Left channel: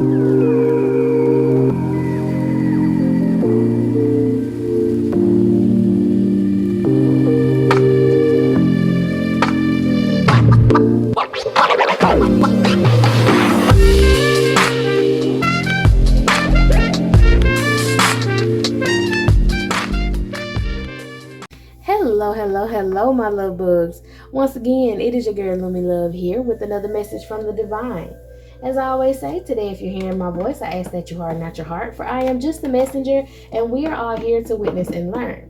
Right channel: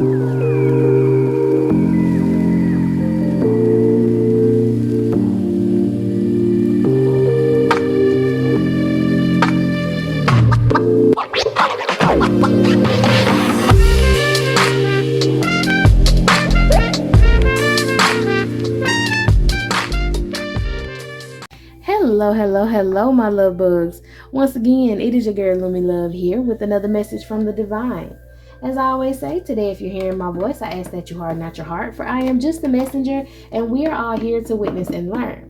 Hello, my love bugs. Once again, it is your girl Lumi Love here with another message from the divine. As I always say, today if you're hearing my voice, I ask that you harden not your heart, for I am just the messenger, and we are all here to witness and learn.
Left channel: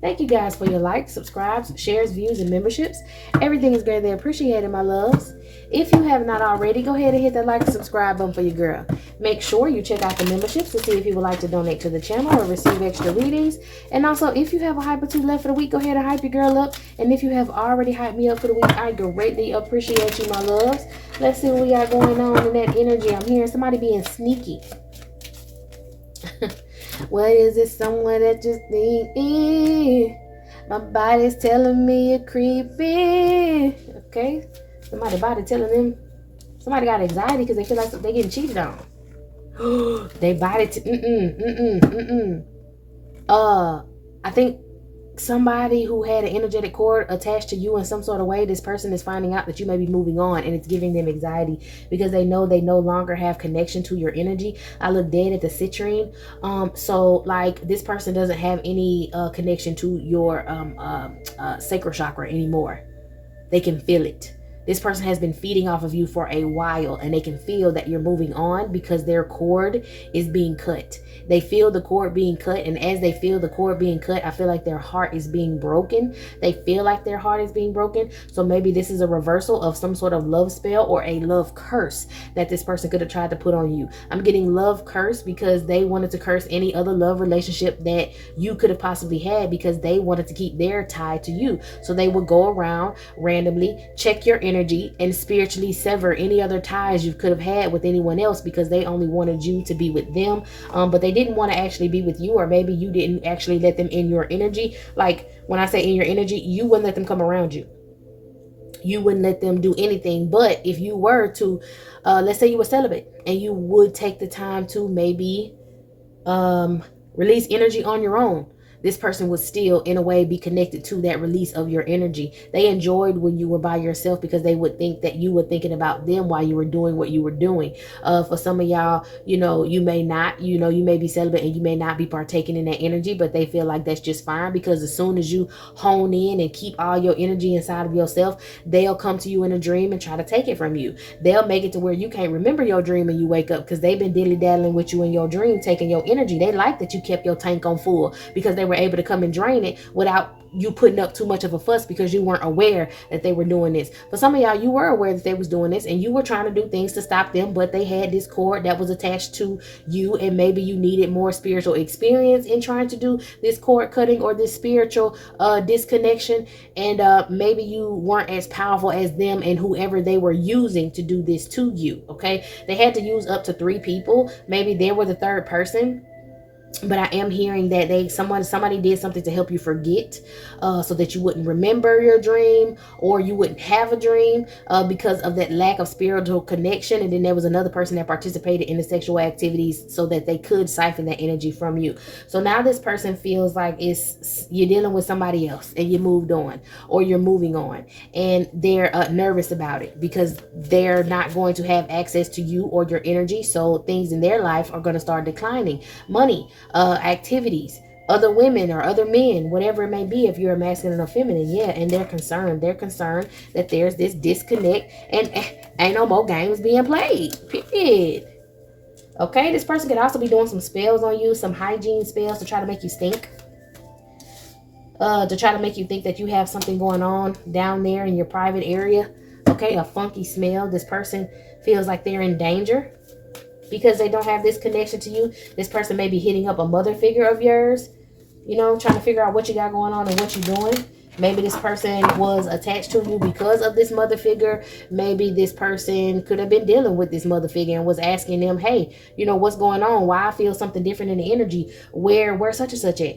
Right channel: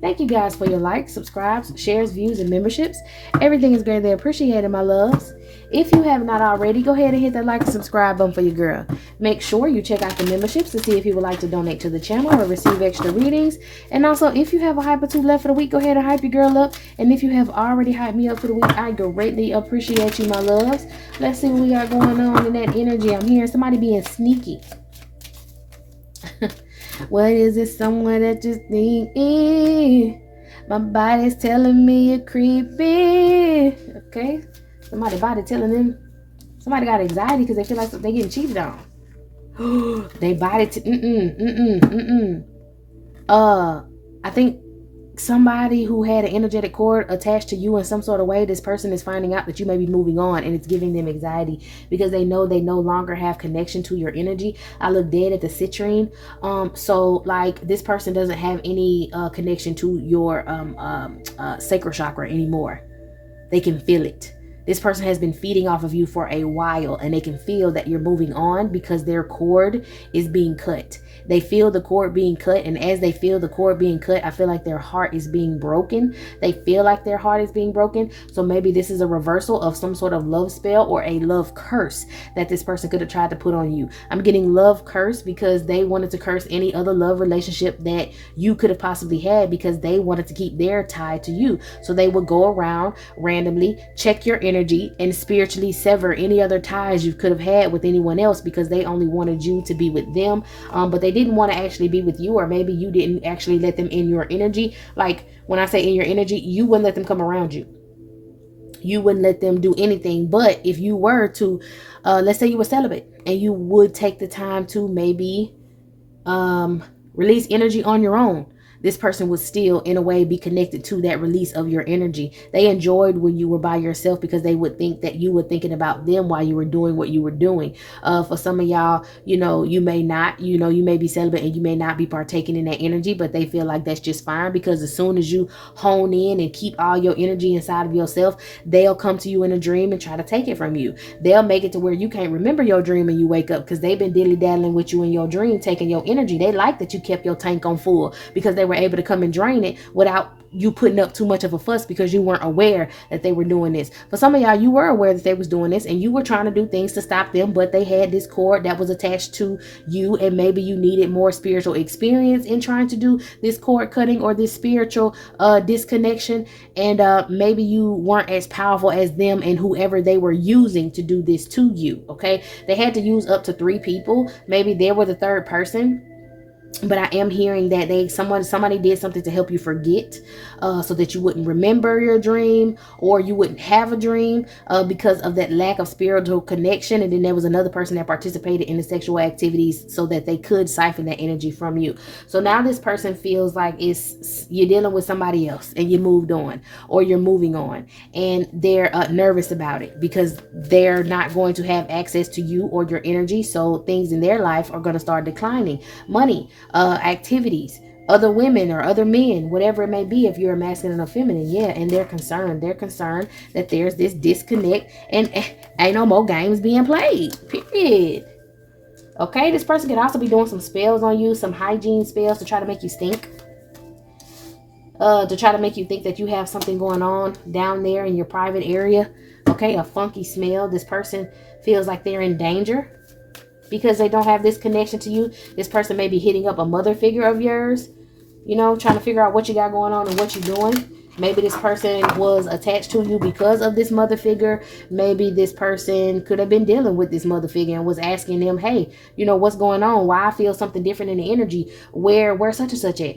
Thank you guys for your likes, subscribes, shares, views, and memberships. Everything is greatly appreciated, my loves. If you have not already, go ahead and hit that like and subscribe button for your girl. Make sure you check out the memberships to see if you would like to donate to the channel or receive extra readings. And also, if you have a hype or two left for the week, go ahead and hype your girl up. And if you have already hyped me up for the week, I greatly appreciate you, my loves. Let's see what we got going on in that energy. I'm hearing somebody being sneaky. What is it? Someone that just think my body's telling me you're creepy. Okay, somebody body telling them. Somebody got anxiety because they feel like they're getting cheated on. They body I think somebody who had an energetic cord attached to you in some sort of way, this person is finding out that you may be moving on, and it's giving them anxiety because they know they no longer have connection to your energy. I look dead at the citrine. So like this person doesn't have any connection to your sacral chakra anymore. They can feel it. This person has been feeding off of you for a while, and they can feel that you're moving on because their cord is being cut. They feel the cord being cut, and as they feel the cord being cut, I feel like their heart is being broken. They feel like their heart is being broken. So maybe this is a reversal of some sort of love spell or a love curse that this person could have tried to put on you. I'm getting love curse because they wanted to curse any other love relationship that you could have possibly had because they wanted to keep their tie to you. So they would go around randomly, check your energy, and spiritually sever any other ties you could have had with anyone else because they only wanted you to be with them, but they didn't want to actually be with you, or maybe you didn't actually let them in your energy. Like when I say in your energy, you wouldn't let them come around you. You wouldn't let them do anything. But if you were to, let's say you were celibate and you would take the time to maybe release energy on your own, this person would still in a way be connected to that release of your energy. They enjoyed when you were by yourself because they would think that you were thinking about them while you were doing what you were doing. For some of y'all, you may not, you may be celibate and you may not be partaking in that energy, but they feel like that's just fine because as soon as you hone in and keep all your energy inside of yourself, they'll come to you in a dream and try to take it from you. They'll make it to where you can't remember your dream and you wake up because they've been dilly-daddling with you in your dream, taking your energy. They like that you kept your tank on full because they were able to come and drain it without you putting up too much of a fuss because you weren't aware that they were doing this. For some of y'all, you were aware that they was doing this and you were trying to do things to stop them, but they had this cord that was attached to you, and maybe you needed more spiritual experience in trying to do this cord cutting or this spiritual disconnection, and maybe you weren't as powerful as them and whoever they were using to do this to you. Okay, they had to use up to 3 people. Maybe there was a third person. But I am hearing that somebody did something to help you forget, so that you wouldn't remember your dream or you wouldn't have a dream because of that lack of spiritual connection. And then there was another person that participated in the sexual activities so that they could siphon that energy from you. So now this person feels like you're dealing with somebody else and you moved on or you're moving on, and they're nervous about it because they're not going to have access to you or your energy. So things in their life are going to start declining. Money, activities, other women or other men, whatever it may be, if you're a masculine or feminine. Yeah, and they're concerned that there's this disconnect and ain't no more games being played, period. Okay, this person could also be doing some spells on you, some hygiene spells to try to make you stink, to try to make you think that you have something going on down there in your private area. Okay, a funky smell. This person feels like they're in danger because they don't have this connection to you. This person may be hitting up a mother figure of yours, trying to figure out what you got going on and what you're doing. Maybe this person was attached to you because of this mother figure. Maybe this person could have been dealing with this mother figure and was asking them, hey, what's going on? Why I feel something different in the energy? Where such and such at?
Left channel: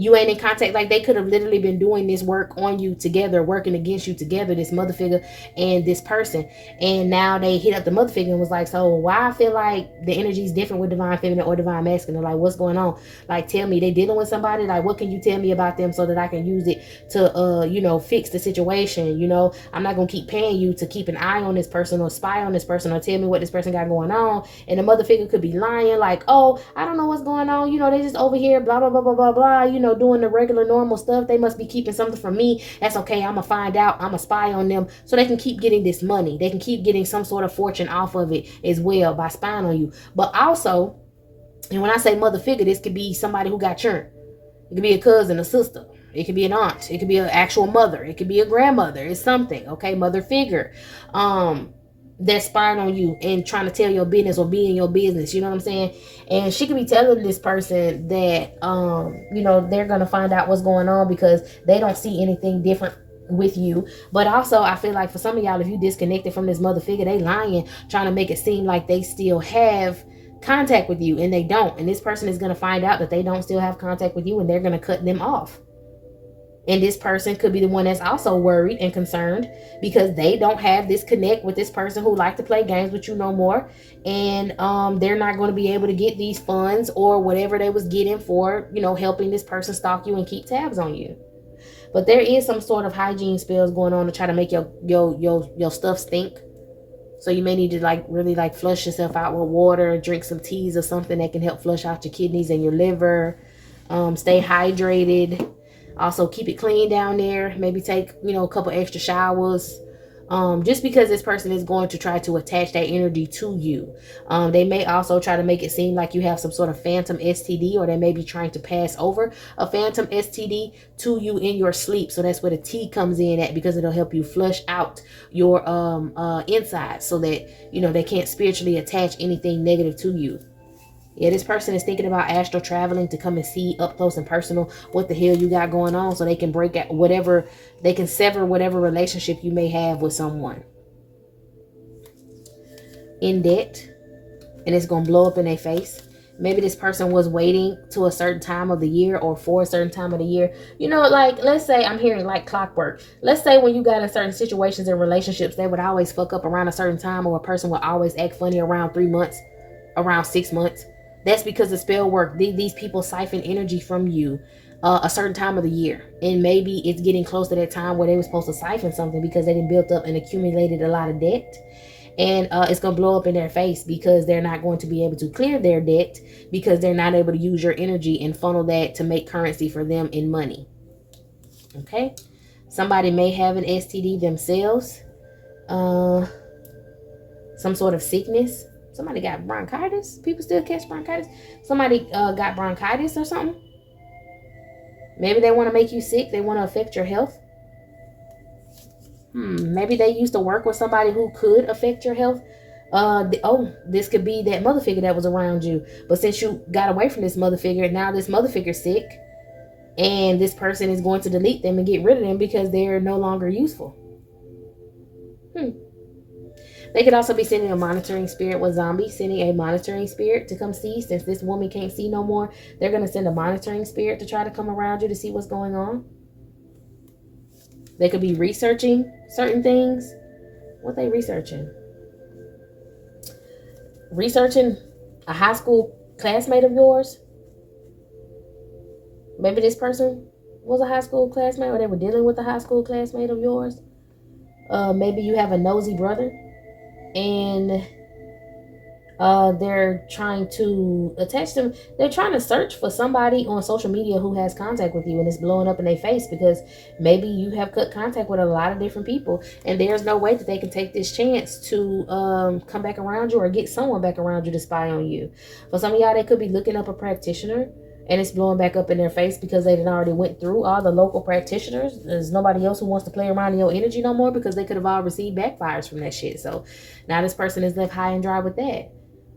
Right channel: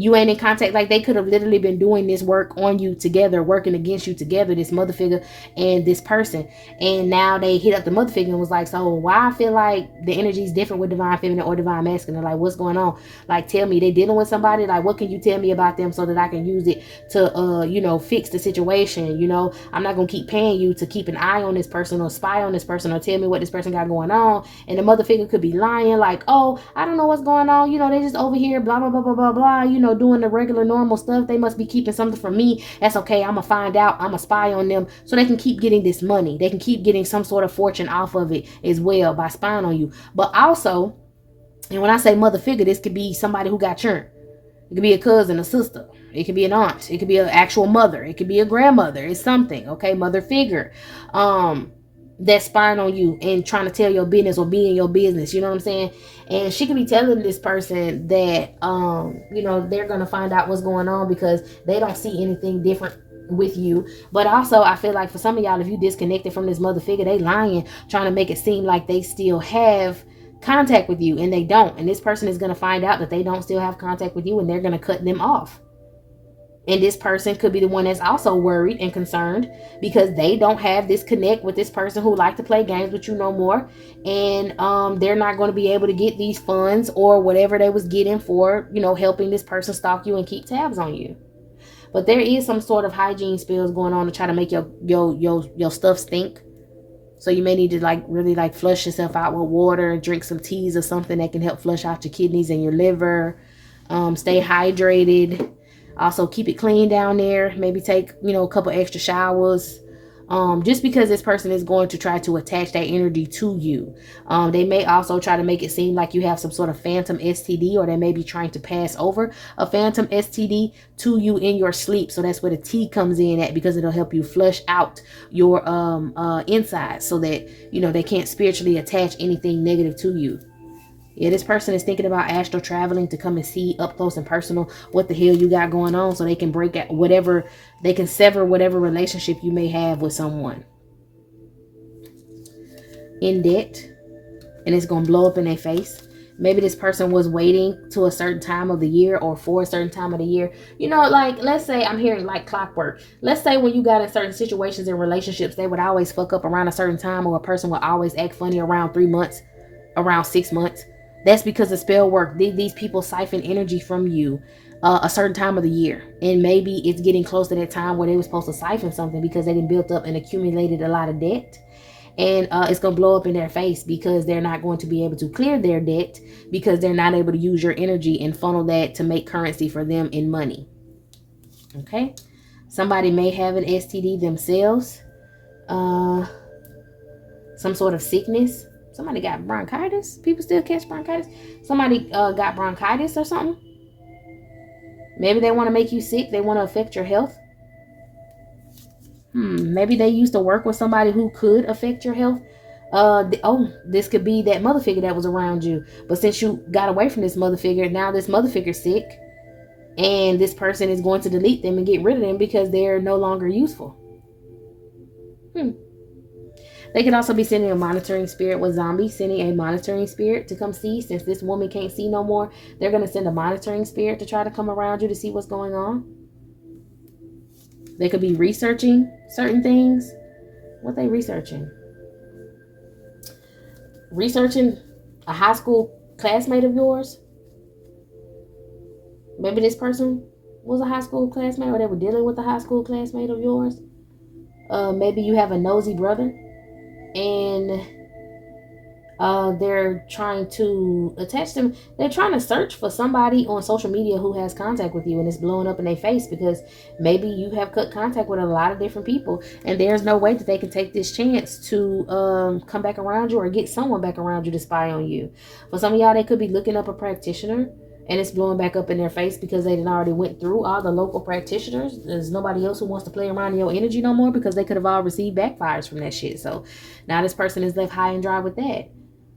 You ain't in contact. Like, they could have literally been doing this work on you together, working against you together, this mother figure and this person. And now they hit up the mother figure and was like, so why I feel like the energy is different with divine feminine or divine masculine? Like, what's going on? Like, tell me, they dealing with somebody? Like, what can you tell me about them so that I can use it to, you know, fix the situation? You know, I'm not going to keep paying you to keep an eye on this person or spy on this person or tell me what this person got going on. And the mother figure could be lying, like, oh, I don't know what's going on. You know, they just over here, blah, blah, blah, blah, blah, blah, you know, doing the regular normal stuff. They must be keeping something from me. That's okay. I'm gonna find out. I'm gonna spy on them so they can keep getting this money. They can keep getting some sort of fortune off of it as well by spying on you. But also, and when I say mother figure, this could be somebody who got churned. It could be a cousin, a sister. It could be an aunt. It could be an actual mother. It could be a grandmother. It's something, okay? Mother figure. That's spying on you and trying to tell your business or be in your business. You know what I'm saying? And she could be telling this person that, you know, they're going to find out what's going on because they don't see anything different with you. But also, I feel like for some of y'all, if you disconnected from this mother figure, they lying, trying to make it seem like they still have contact with you, and they don't. And this person is going to find out that they don't still have contact with you, and they're going to cut them off. And this person could be the one that's also worried and concerned because they don't have this connect with this person who like to play games with you no more. And they're not going to be able to get these funds or whatever they was getting for, you know, helping this person stalk you and keep tabs on you. But there is some sort of hygiene spells going on to try to make your stuff stink. So you may need to like really like flush yourself out with water, drink some teas or something that can help flush out your kidneys and your liver. Stay hydrated. Also, keep it clean down there. Maybe take, you know, a couple extra showers. Just because this person is going to try to attach that energy to you. They may also try to make it seem like you have some sort of phantom STD, or they may be trying to pass over a phantom STD to you in your sleep. So that's where the tea comes in at, because it'll help you flush out your insides so that, you know, they can't spiritually attach anything negative to you. Yeah, this person is thinking about astral traveling to come and see up close and personal what the hell you got going on, so they can break out whatever, they can sever whatever relationship you may have with someone. In debt, and it's going to blow up in their face. Maybe this person was waiting to a certain time of the year or for a certain time of the year. You know, like, let's say, I'm hearing like clockwork. Let's say when you got in certain situations and relationships, they would always fuck up around a certain time, or a person would always act funny around 3 months, around 6 months. That's because the spell work. These people siphon energy from you a certain time of the year. And maybe it's getting close to that time where they were supposed to siphon something because they done built up and accumulated a lot of debt. And it's going to blow up in their face because they're not going to be able to clear their debt because they're not able to use your energy and funnel that to make currency for them in money. Okay? Somebody may have an STD themselves. Some sort of sickness. Somebody got bronchitis. People still catch bronchitis. Somebody got bronchitis or something. Maybe they want to make you sick. They want to affect your health. Maybe they used to work with somebody who could affect your health. This could be that mother figure that was around you. But since you got away from this mother figure, now this mother figure's sick. And this person is going to delete them and get rid of them because they're no longer useful. They could also be sending a monitoring spirit with zombies, sending a monitoring spirit to come see. Since this woman can't see no more, they're going to send a monitoring spirit to try to come around you to see what's going on. They could be researching certain things. What they researching? Researching a high school classmate of yours. Maybe this person was a high school classmate, or they were dealing with a high school classmate of yours. Maybe you have a nosy brother. And they're trying to attach them. They're trying to search for somebody on social media who has contact with you, and it's blowing up in their face because maybe you have cut contact with a lot of different people, and there's no way that they can take this chance to come back around you or get someone back around you to spy on you. For some of y'all, they could be looking up a practitioner, and it's blowing back up in their face because they already went through all the local practitioners. There's nobody else who wants to play around in your energy no more because they could have all received backfires from that shit. So now this person is left high and dry with that.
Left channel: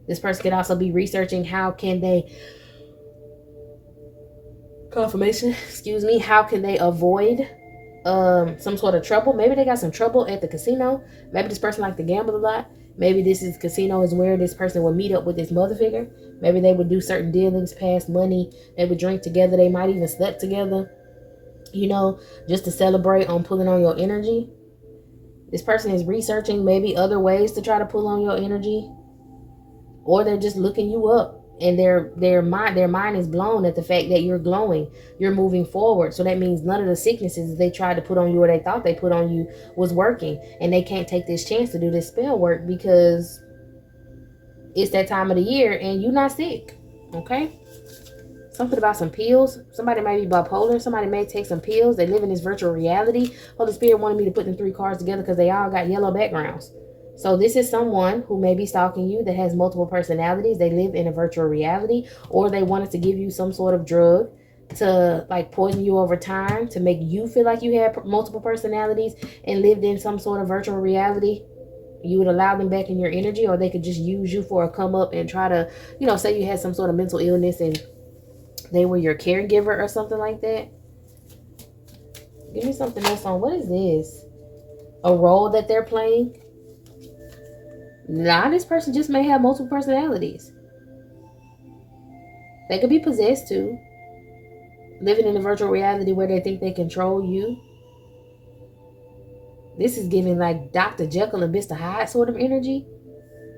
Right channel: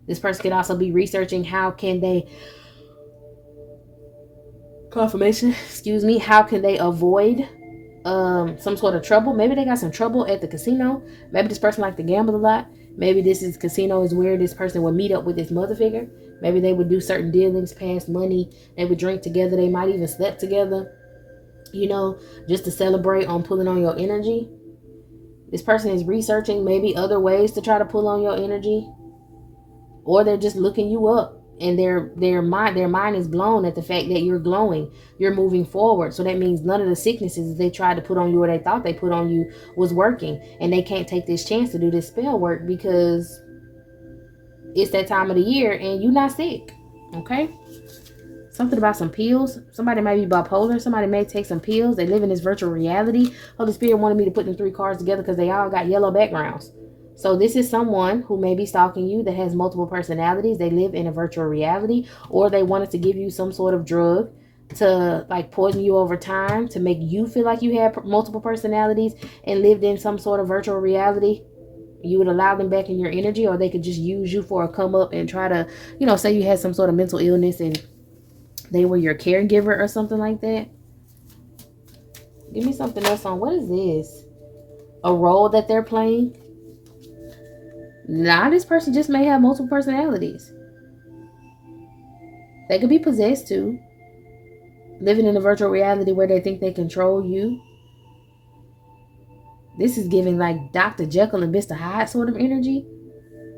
This person could also be researching how can they, how can they avoid some sort of trouble. Maybe they got some trouble at the casino. Maybe this person likes to gamble a lot. Maybe this is casino is where this person would meet up with this mother figure. Maybe they would do certain dealings, pass money. They would drink together. They might even sleep together, you know, just to celebrate on pulling on your energy. This person is researching maybe other ways to try to pull on your energy. Or they're just looking you up, and their mind is blown at the fact that you're glowing, you're moving forward. So that means none of the sicknesses they tried to put on you or they thought they put on you was working, and they can't take this chance to do this spell work because it's that time of the year and you're not sick. Okay, something about some pills. Somebody may be bipolar. Somebody may take some pills. They live in this virtual reality. Holy Spirit wanted me to put them 3 cards together because they all got yellow backgrounds. So this is someone who may be stalking you that has multiple personalities. They live in a virtual reality, or they wanted to give you some sort of drug to like poison you over time to make you feel like you had multiple personalities and lived in some sort of virtual reality. You would allow them back in your energy, or they could just use you for a come up and try to, you know, say you had some sort of mental illness and they were your caregiver or something like that. Give me something else on what is this? A role that they're playing? Now, this person just may have multiple personalities. They could be possessed too. Living in a virtual reality where they think they control you. This is giving like Dr. Jekyll and Mr. Hyde sort of energy.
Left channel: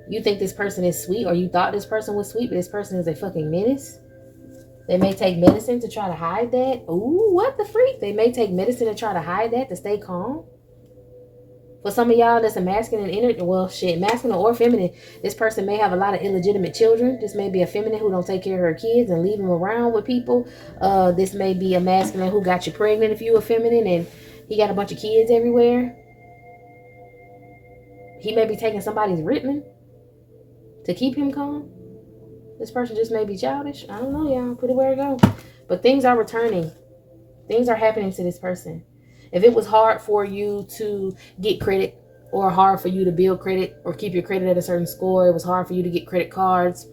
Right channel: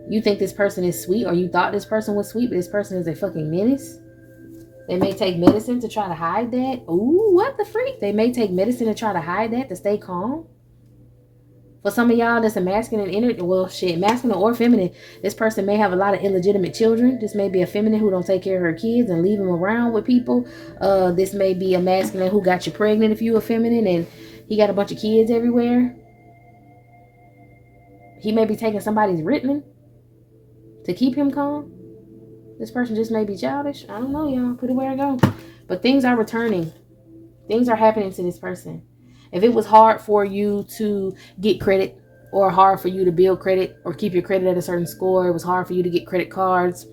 You think this person is sweet, or you thought this person was sweet, but this person is a fucking menace. They may take medicine to try to hide that. Ooh, what the freak? They may take medicine to try to hide that, to stay calm. For some of y'all that's a masculine energy, well, shit, masculine or feminine, this person may have a lot of illegitimate children. This may be a feminine who don't take care of her kids and leave them around with people. This may be a masculine who got you pregnant if you're a feminine and he got a bunch of kids everywhere. He may be taking somebody's Ritalin to keep him calm. This person just may be childish. I don't know, y'all. Put it where it goes. But things are returning. Things are happening to this person. If it was hard for you to get credit, or hard for you to build credit or keep your credit at a certain score, it was hard for you to get credit cards,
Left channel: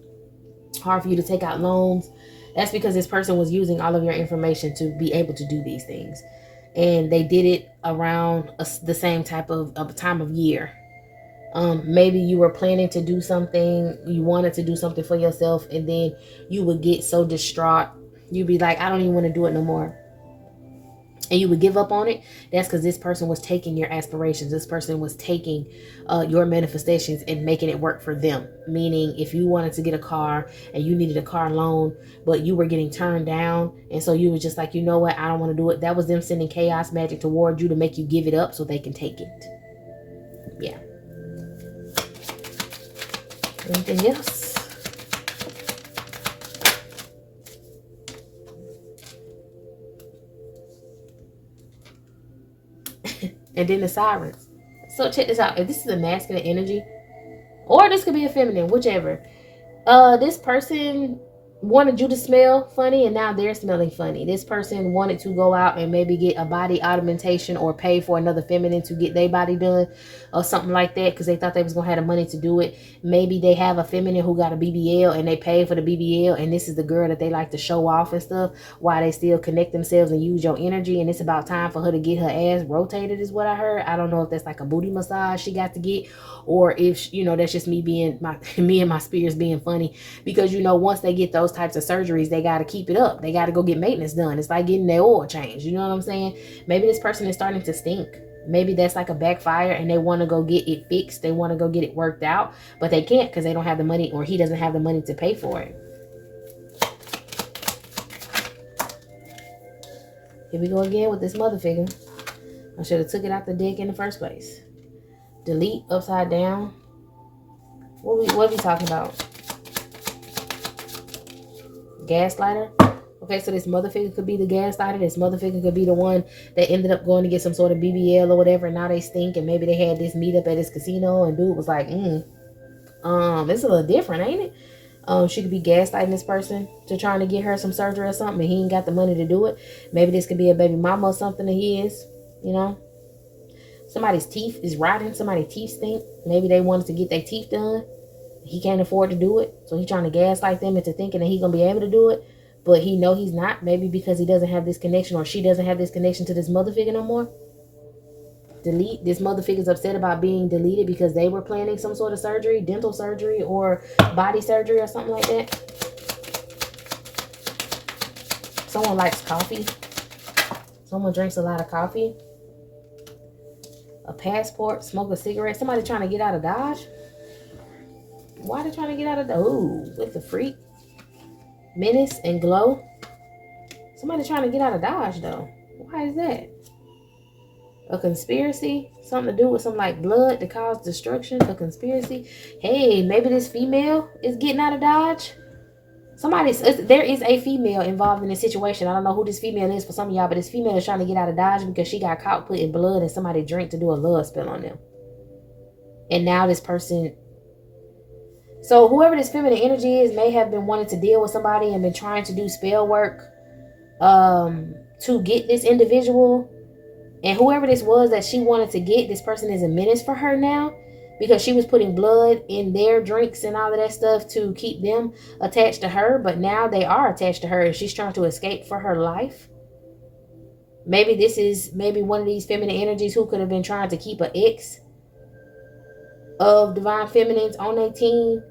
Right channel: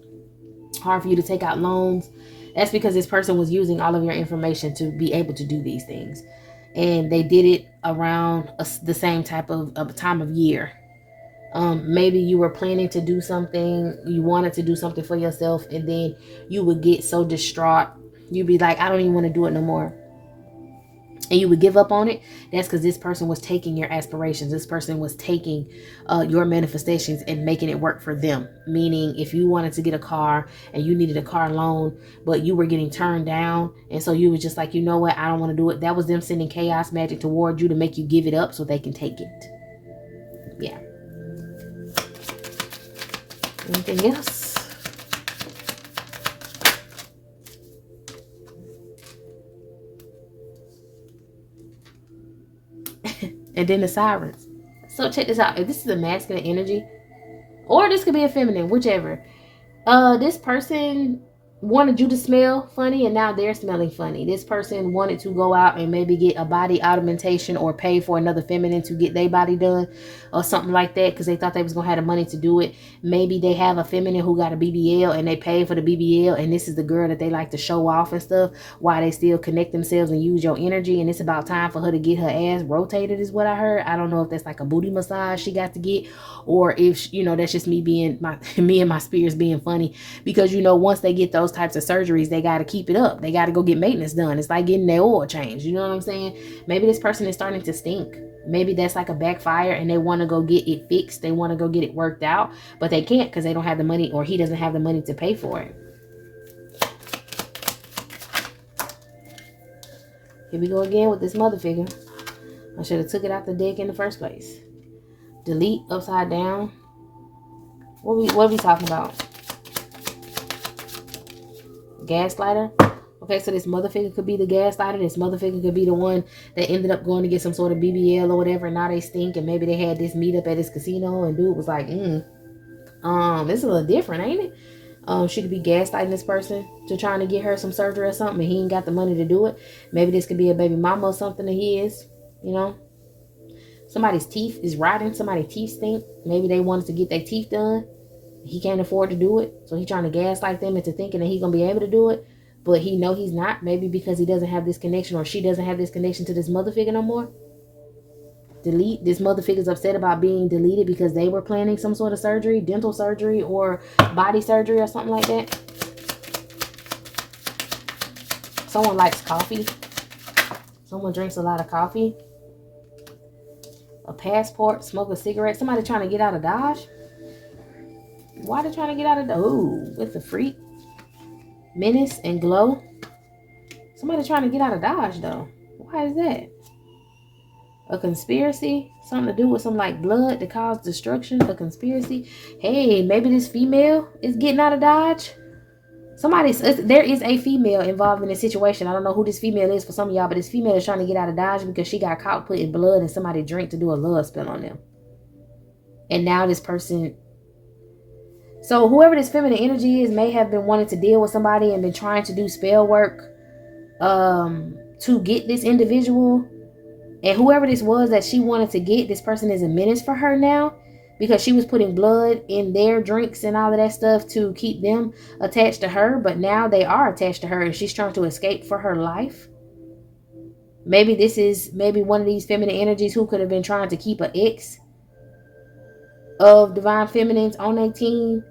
hard for you to take out loans, that's because this person was using all of your information to be able to do these things. And they did it around the same type of time of year. Maybe you were planning to do something, you wanted to do something for yourself, and then you would get so distraught, you'd be like, I don't even want to do it no more. And you would give up on it. That's because this person was taking your aspirations. This person was taking your manifestations and making it work for them. Meaning, if you wanted to get a car and you needed a car loan, but you were getting turned down, and so you were just like, you know what, I don't want to do it. That was them sending chaos magic toward you to make you give it up so they can take it. Yeah. Anything else? And then the sirens. So check this out. If this is a masculine energy, or this could be a feminine, whichever. This person wanted you to smell funny, and now they're smelling funny. This person wanted to go out and maybe get a body augmentation or pay for another feminine to get their body done or something like that because they thought they was going to have the money to do it. Maybe they have a feminine who got a BBL and they paid for the BBL, and this is the girl that they like to show off and stuff while they still connect themselves and use your energy, and it's about time for her to get her ass rotated is what I heard. I don't know if that's like a booty massage she got to get, or if, you know, that's just me and my spirits being funny, because, you know, once they get those types of surgeries, they got to keep it up. They got to go get maintenance done. It's like getting their oil changed. You know what I'm saying? Maybe this person is starting to stink. Maybe that's like a backfire and they want to go get it fixed. They want to go get it worked out, but they can't because they don't have the money, or he doesn't have the money to pay for it. Here we go again with this mother figure. I should have took it out the deck in the first place. Delete upside down. What are we talking about? Gaslighter. Okay, so this mother figure could be the gaslighter. This mother figure could be the one that ended up going to get some sort of BBL or whatever, and now they stink, and maybe they had this meetup at this casino and dude was like, it's a little different, ain't it? She could be gaslighting this person to trying to get her some surgery or something, and he ain't got the money to do it. Maybe this could be a baby mama or something of his, you know. Somebody's teeth is rotting. Somebody's teeth stink. Maybe they wanted to get their teeth done. He can't afford to do it, so he's trying to gaslight them into thinking that he's gonna be able to do it, but he know he's not. Maybe because he doesn't have this connection, or she doesn't have this connection to this mother figure no more. delete. This mother figure's upset about being deleted because they were planning some sort of surgery, dental surgery or body surgery or something like that. Someone likes coffee. Someone drinks a lot of coffee. A passport, smoke a cigarette. Somebody trying to get out of Dodge. Why are they trying to get out of Dodge? Oh, with the freak. Menace and glow. Somebody trying to get out of Dodge though. Why is that? A conspiracy? Something to do with some like blood to cause destruction? A conspiracy? Hey, maybe this female is getting out of Dodge. There is a female involved in this situation. I don't know who this female is for some of y'all, but this female is trying to get out of Dodge because she got caught putting blood and somebody drank to do a love spell on them. And now this person... So whoever this feminine energy is may have been wanting to deal with somebody and been trying to do spell work to get this individual. And whoever this was that she wanted to get, this person is a menace for her now. Because she was putting blood in their drinks and all of that stuff to keep them attached to her. But now they are attached to her and she's trying to escape for her life. Maybe this is one of these feminine energies who could have been trying to keep an ex of divine feminines on their team.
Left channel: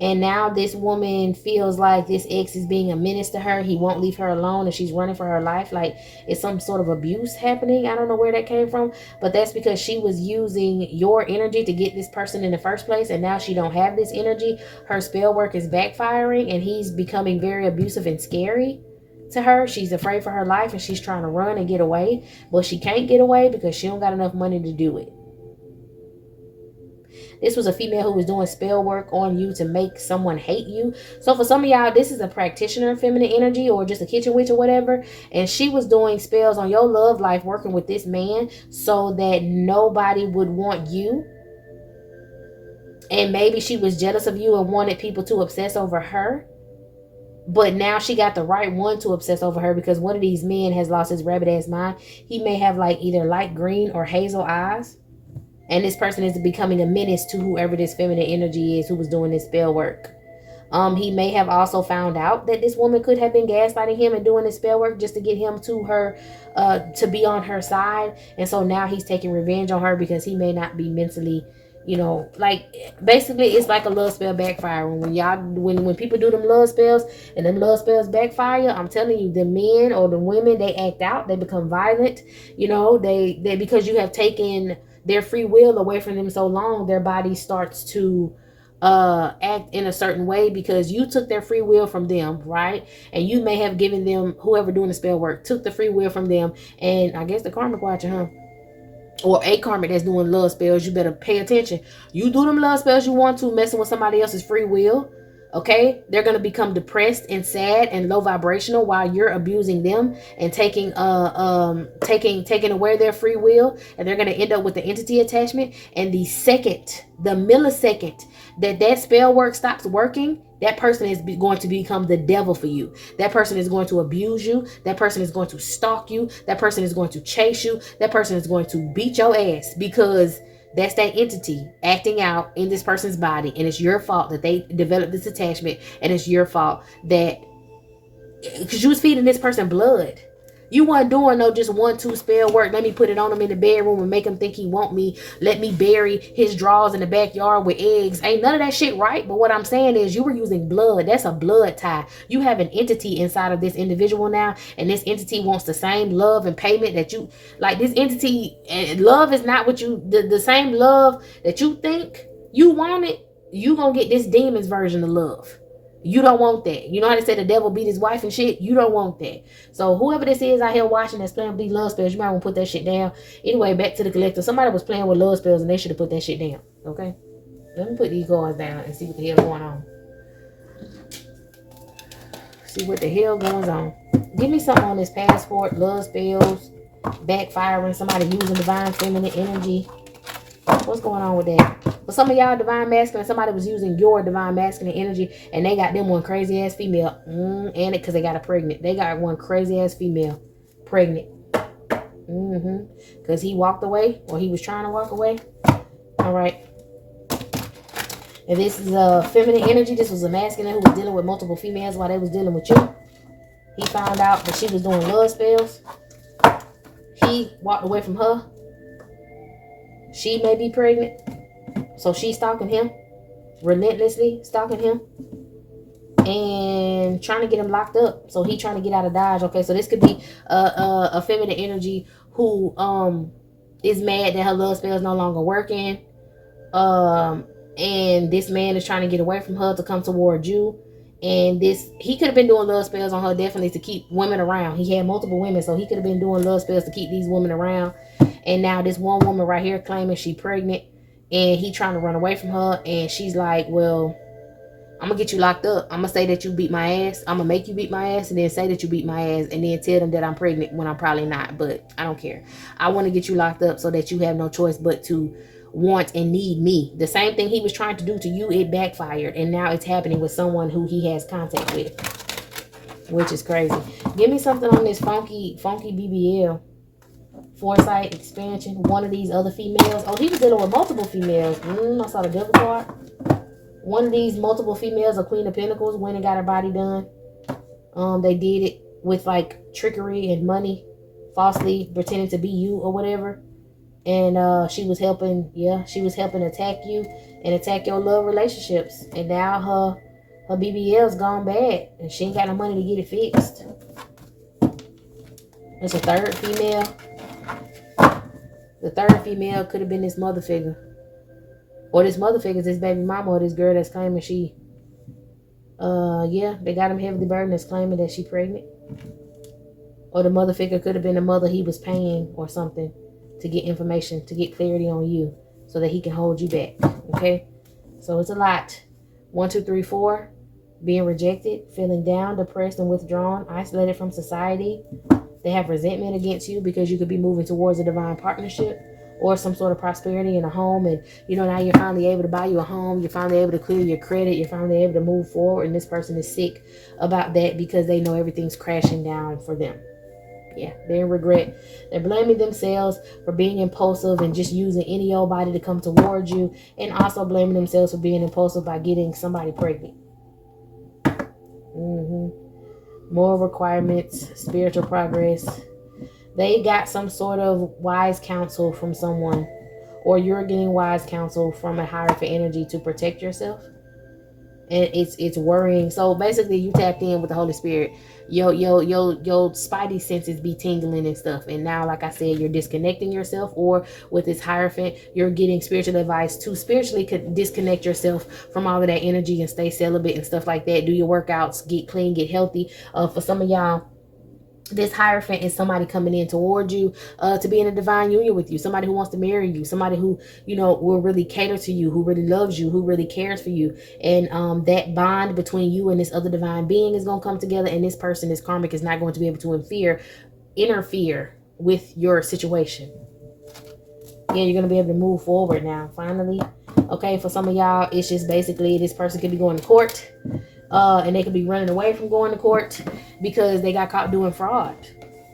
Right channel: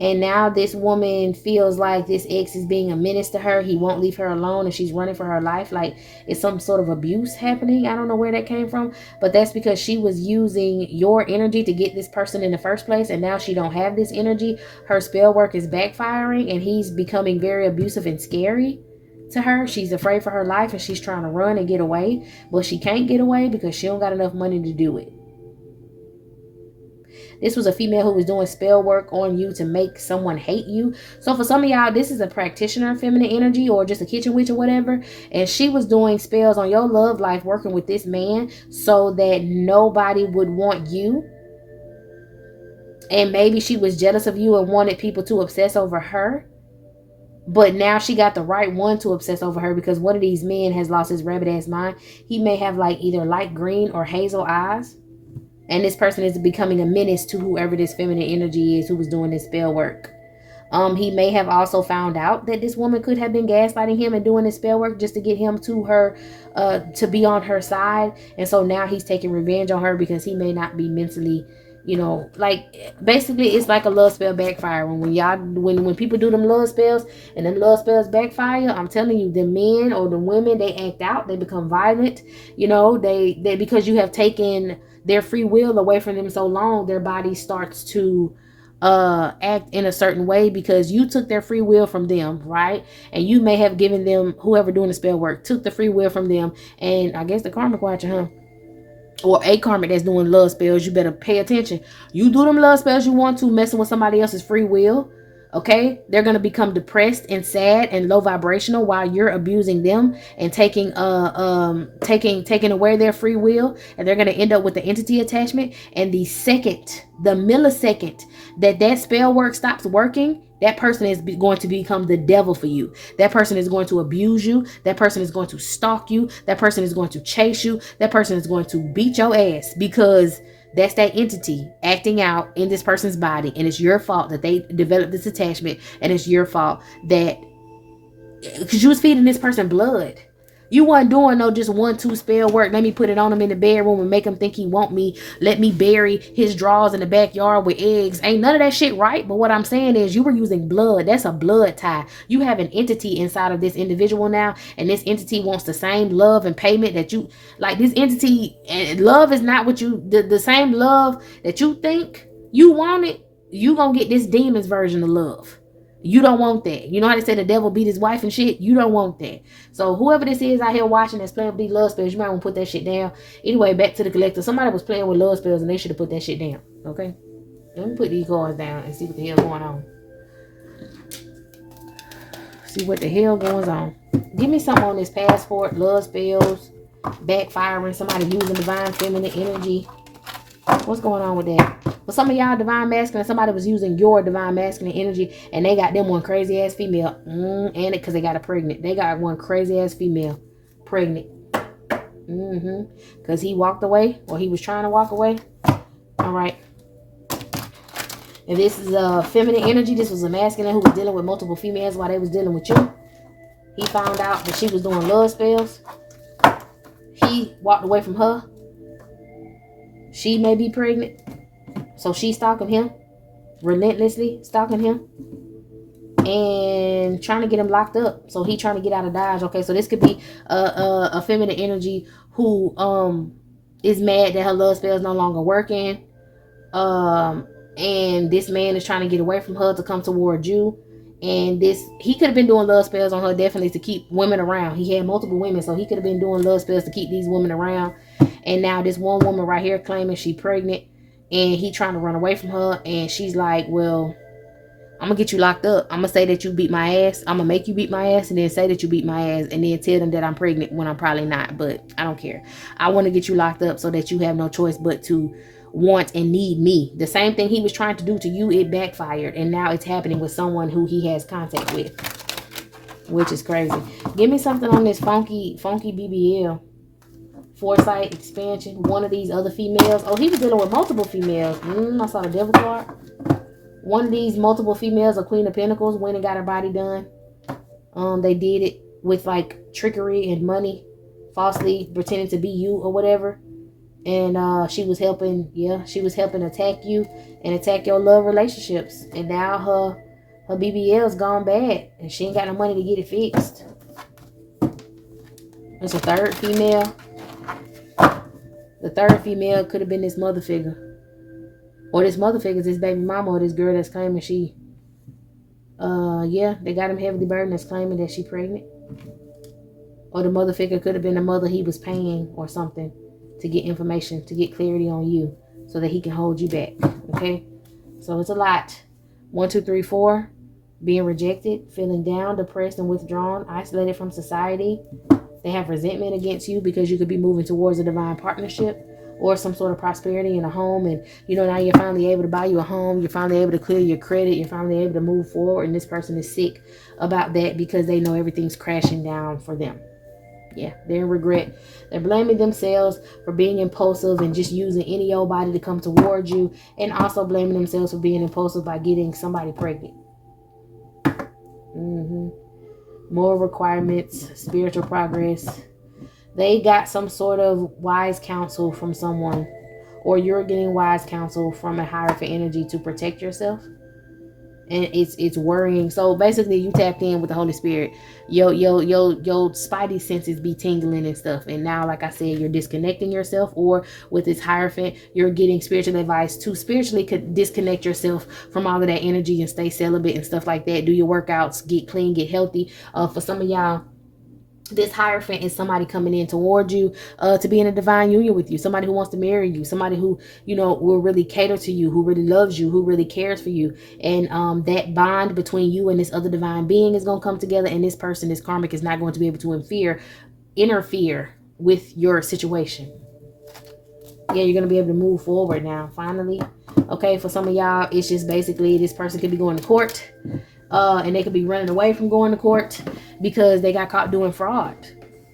And now this woman feels like this ex is being a menace to her. He won't leave her alone and she's running for her life. Like it's some sort of abuse happening. I don't know where that came from. But that's because she was using your energy to get this person in the first place. And now she don't have this energy. Her spell work is backfiring and he's becoming very abusive and scary to her. She's afraid for her life and she's trying to run and get away. But she can't get away because she don't got enough money to do it. This was a female who was doing spell work on you to make someone hate you. So for some of y'all, this is a practitioner feminine energy or just a kitchen witch or whatever. And she was doing spells on your love life working with this man so that nobody would want you. And maybe she was jealous of you and wanted people to obsess over her. But now she got the right one to obsess over her because one of these men has lost his rabbit ass mind. He may have like either light green or hazel eyes. And this person is becoming a menace to whoever this feminine energy is who was doing this spell work. He may have also found out that this woman could have been gaslighting him and doing this spell work just to get him to her, to be on her side. And so now he's taking revenge on her because he may not be mentally, you know, like basically it's like a love spell backfire. When people do them love spells and them love spells backfire, I'm telling you, the men or the women, they act out, they become violent, you know, they because you have taken their free will away from them so long, their body starts to act in a certain way because you took their free will from them, right? And you may have given them, whoever doing the spell work, took the free will from them. And I guess the karmic watcher, huh? Or a karmic that's doing love spells, you better pay attention. You do them love spells you want to, messing with somebody else's free will. Okay, they're going to become depressed and sad and low vibrational while you're abusing them and taking away their free will, and they're going to end up with the entity attachment. And the millisecond that spell work stops working, that person is going to become the devil for you. That person is going to abuse you. That person is going to stalk you. That person is going to chase you. That person is going to beat your ass because that's that entity acting out in this person's body. And it's your fault that they developed this attachment. And it's your fault that, because you was feeding this person blood. You weren't doing no just 1-2 spell work. Let me put it on him in the bedroom and make him think he want me. Let me bury his drawers in the backyard with eggs. Ain't none of that shit right. But what I'm saying is you were using blood. That's a blood tie. You have an entity inside of this individual now. And this entity wants the same love and payment that you, like this entity, love is not what you, the same love that you think you want it. You gonna get this demon's version of love. You don't want that. You know how they say the devil beat his wife and shit? You don't want that. So whoever this is out here watching that's playing with these love spells, you might want to put that shit down. Anyway, back to the collector. Somebody was playing with love spells and they should have put that shit down. Okay? Let me put these cards down and see what the hell going on. See what the hell goes on. Give me something on this passport. Love spells. Backfiring. Somebody using divine feminine energy. What's going on with that? For some of y'all divine masculine, somebody was using your divine masculine energy and they got them one crazy ass female. And it because they got a pregnant. They got one crazy ass female pregnant. Because he walked away or he was trying to walk away. All right. And this is a feminine energy. This was a masculine who was dealing with multiple females while they was dealing with you. He found out that she was doing love spells. He walked away from her. She may be pregnant. So she's stalking him. Relentlessly stalking him. And trying to get him locked up. So he trying to get out of Dodge. Okay, so this could be a feminine energy who is mad that her love spell is no longer working. And this man is trying to get away from her to come toward you. And he could have been doing love spells on her definitely to keep women around. He had multiple women, so he could have been doing love spells to keep these women around. And now this one woman right here claiming she's pregnant, and he trying to run away from her. And she's like, well, I'm gonna get you locked up. I'm gonna say that you beat my ass. I'm gonna make you beat my ass, and then say that you beat my ass, and then tell them that I'm pregnant when I'm probably not. But I don't care. I want to get you locked up so that you have no choice but to want and need me. The same thing he was trying to do to you, it backfired, and now it's happening with someone who he has contact with, which is crazy. Give me something on this funky BBL. Foresight, expansion, one of these other females. Oh, he was dealing with multiple females. I saw the devil card. One of these multiple females, a Queen of Pentacles, went and got her body done. They did it with like trickery and money, falsely pretending to be you or whatever. And she was helping attack you and attack your love relationships. And now her BBL's gone bad, and she ain't got no money to get it fixed. There's a third female. The third female could have been this mother figure. Or this mother figure is this baby mama or this girl that's claiming she... they got him heavily burdened that's claiming that she pregnant. Or the mother figure could have been the mother he was paying or something to get information, to get clarity on you so that he can hold you back. Okay? So it's a lot. 1, 2, 3, 4. Being rejected, feeling down, depressed, and withdrawn, isolated from society. They have resentment against you because you could be moving towards a divine partnership or some sort of prosperity in a home. And, now you're finally able to buy you a home. You're finally able to clear your credit. You're finally able to move forward. And this person is sick about that because they know everything's crashing down for them. Yeah, they're in regret. They're blaming themselves for being impulsive and just using any old body to come towards you. And also blaming themselves for being impulsive by getting somebody pregnant. More requirements, spiritual progress. They got some sort of wise counsel from someone, or you're getting wise counsel from a higher energy to protect yourself. And it's worrying. So basically you tapped in with the Holy Spirit. Your spidey senses be tingling and stuff. And now, like I said, you're disconnecting yourself, or with this Hierophant, you're getting spiritual advice to spiritually disconnect yourself from all of that energy and stay celibate and stuff like that. Do your workouts, get clean, get healthy. For some of y'all, this Hierophant is somebody coming in toward you to be in a divine union with you. Somebody who wants to marry you. Somebody who, will really cater to you, who really loves you, who really cares for you. And that bond between you and this other divine being is going to come together. And this person, this karmic, is not going to be able to interfere with your situation. Yeah, you're going to be able to move forward now, finally. Okay, for some of y'all, it's just basically this person could be going to court. And they could be running away from going to court because they got caught doing fraud.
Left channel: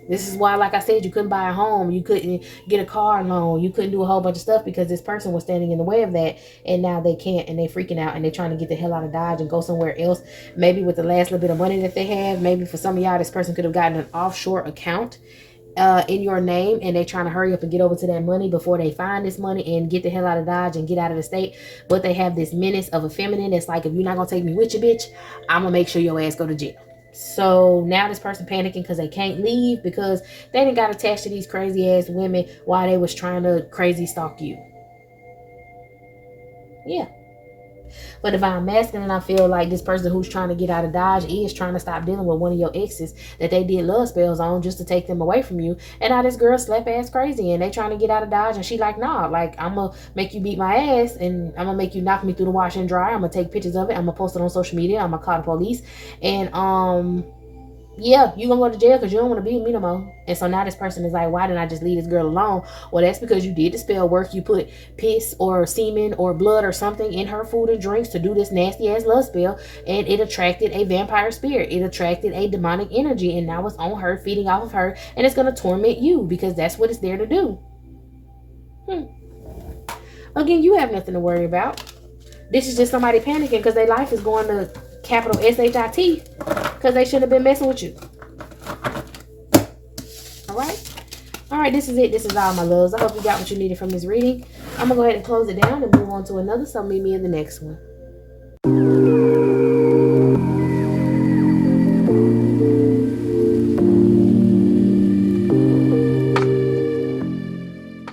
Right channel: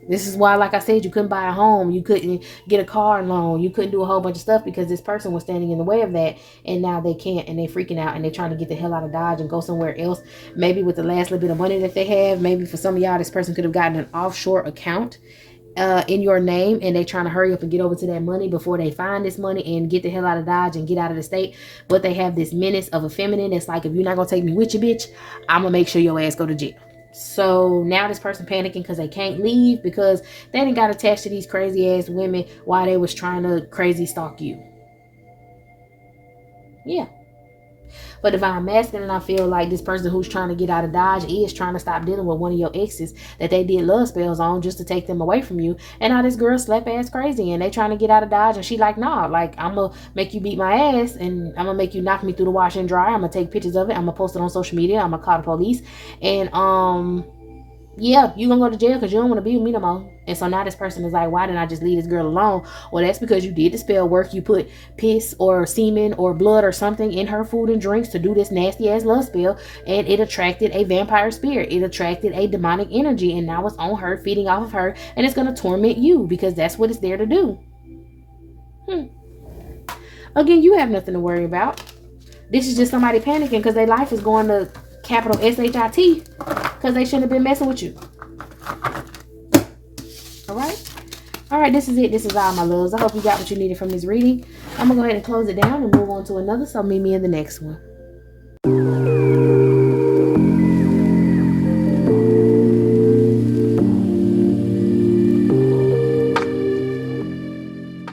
This is why, like I said, you couldn't buy a home. You couldn't get a car loan. You couldn't do a whole bunch of stuff because this person was standing in the way of that. And now they can't, and they're freaking out, and they're trying to get the hell out of Dodge and go somewhere else. Maybe with the last little bit of money that they have. Maybe for some of y'all, this person could have gotten an offshore account in your name, and they trying to hurry up and get over to that money before they find this money and get the hell out of Dodge and get out of the state. But they have this menace of a feminine. It's like, if you're not gonna take me with you, bitch, I'm gonna make sure your ass go to jail. So now this person panicking because they can't leave because they didn't got attached to these crazy ass women while they was trying to crazy stalk you. Yeah. But divine masculine, I feel like this person who's trying to get out of Dodge is trying to stop dealing with one of your exes that they did love spells on just to take them away from you. And now this girl slap ass crazy and they trying to get out of Dodge, and she like, nah, like, I'm gonna make you beat my ass, and I'm gonna make you knock me through the wash and dryer. I'm gonna take pictures of it. I'm gonna post it on social media. I'm gonna call the police. And yeah, you gonna go to jail because you don't want to be with me no more. And so now this person is like, why didn't I just leave this girl alone? Well, that's because you did the spell work. You put piss or semen or blood or something in her food and drinks to do this nasty ass love spell, and it attracted a vampire spirit. It attracted a demonic energy, and now it's on her, feeding off of her, and it's gonna torment you because that's what it's there to do. Again, you have nothing to worry about. This is just somebody panicking because their life is going to capital SHIT because they shouldn't have been messing with you. All right, this is it. This is all, my loves. I hope you got what you needed from this reading. I'm gonna go ahead and close it down and move on to another. So meet me in the next one.